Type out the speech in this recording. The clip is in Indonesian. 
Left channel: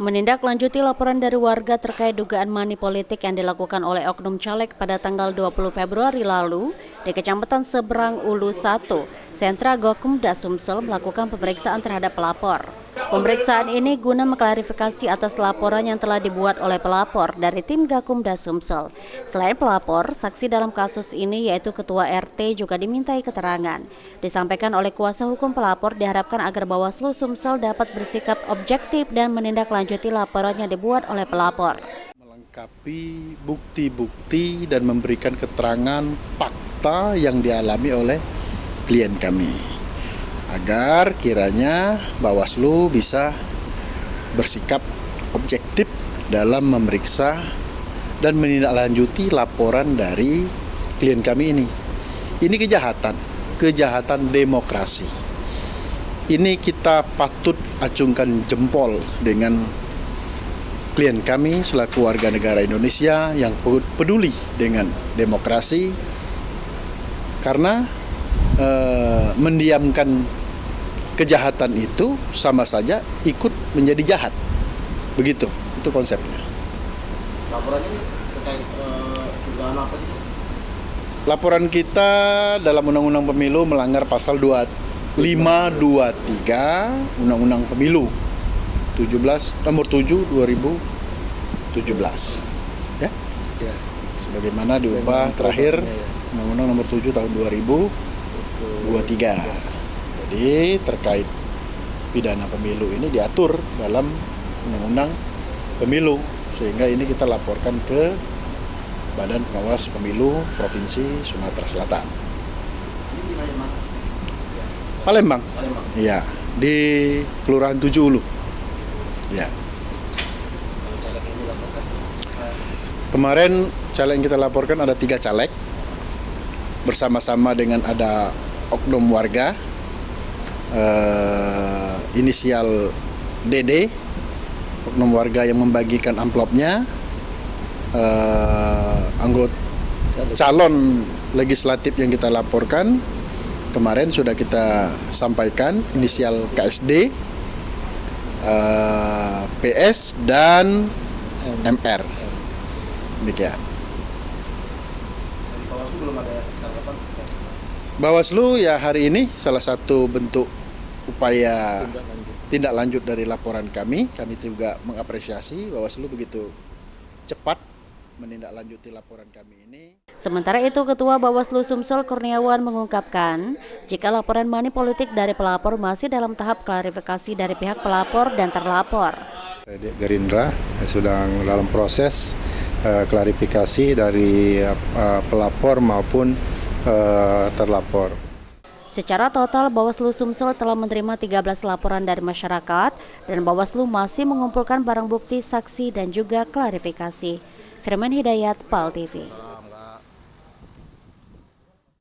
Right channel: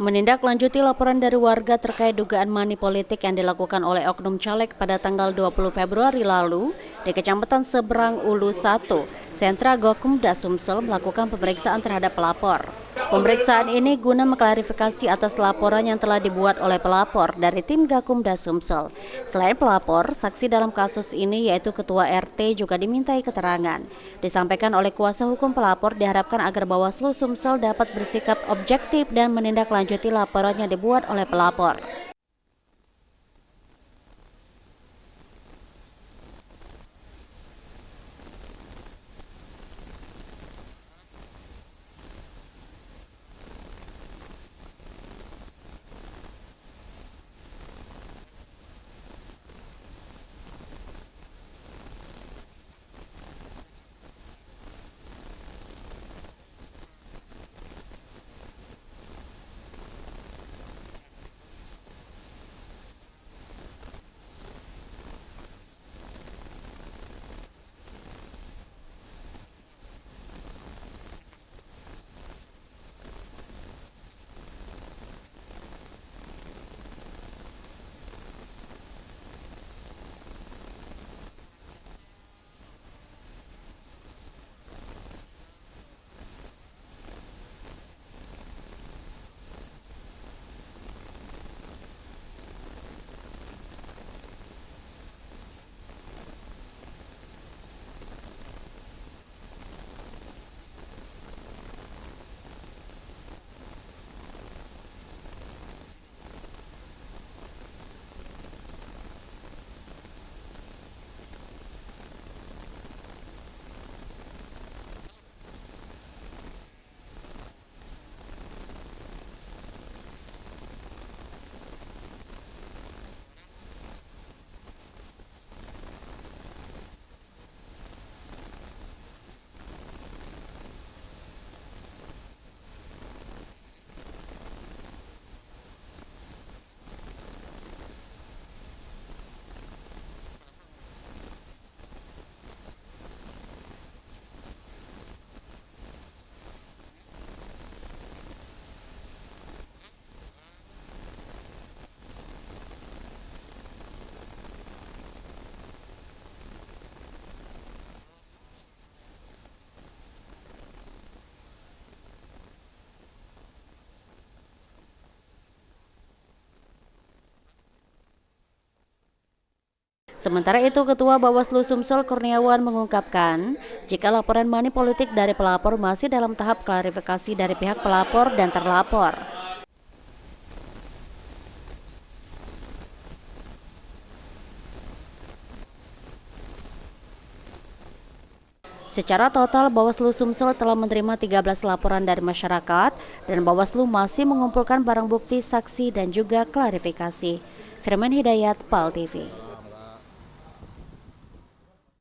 Menindaklanjuti laporan dari warga terkait dugaan money politik yang dilakukan oleh oknum caleg pada tanggal 20 Februari lalu di Kecamatan Seberang Ulu 1, Sentra Gakumda Sumsel melakukan pemeriksaan terhadap pelapor. Pemeriksaan ini guna mengklarifikasi atas laporan yang telah dibuat oleh pelapor dari tim Gakumda Sumsel. Selain pelapor, saksi dalam kasus ini yaitu Ketua RT juga dimintai keterangan. Disampaikan oleh kuasa hukum pelapor diharapkan agar Bawaslu Sumsel dapat bersikap objektif dan menindaklanjuti laporan yang dibuat oleh pelapor. Melengkapi bukti-bukti dan memberikan keterangan fakta yang dialami oleh klien kami, agar kiranya Bawaslu bisa bersikap objektif dalam memeriksa dan menindaklanjuti laporan dari klien kami ini. Ini kejahatan demokrasi. Ini kita patut acungkan jempol dengan klien kami selaku warga negara Indonesia yang peduli dengan demokrasi, karena mendiamkan kejahatan itu sama saja ikut menjadi jahat. Begitu, itu konsepnya. Laporannya ini terkait dugaan apa sih? Laporan kita dalam Undang-Undang Pemilu melanggar pasal 523 Undang-Undang Pemilu nomor 7 2017. Ya? Sebagaimana diubah terakhir Undang-Undang nomor 7 tahun 2023. Jadi terkait pidana pemilu ini diatur dalam Undang-Undang Pemilu, sehingga ini kita laporkan ke Badan Pengawas Pemilu Provinsi Sumatera Selatan. Ini wilayah mana? Palembang. Palembang. Iya, di Kelurahan 7 Ulu. Ya. Kalau caleg yang dilaporkan, Kemarin caleg yang kita laporkan ada 3 caleg, bersama-sama dengan ada oknum warga, inisial DD, oknum warga yang membagikan amplopnya, anggota calon legislatif yang kita laporkan kemarin sudah kita sampaikan, inisial KSD, PS dan MR. Demikian. dari Bawaslu belum ada tanggapan? Bawaslu ya hari ini salah satu bentuk upaya tindak lanjut dari laporan kami. Kami juga mengapresiasi Bawaslu begitu cepat menindaklanjuti laporan kami ini. Sementara itu, Ketua Bawaslu Sumsel Kurniawan mengungkapkan, jika laporan money politik dari pelapor masih dalam tahap klarifikasi dari pihak pelapor dan terlapor. Gerindra sedang dalam proses klarifikasi dari pelapor maupun terlapor. Secara total, Bawaslu Sumsel telah menerima 13 laporan dari masyarakat dan Bawaslu masih mengumpulkan barang bukti, saksi, dan juga klarifikasi. Firman Hidayat, PAL TV.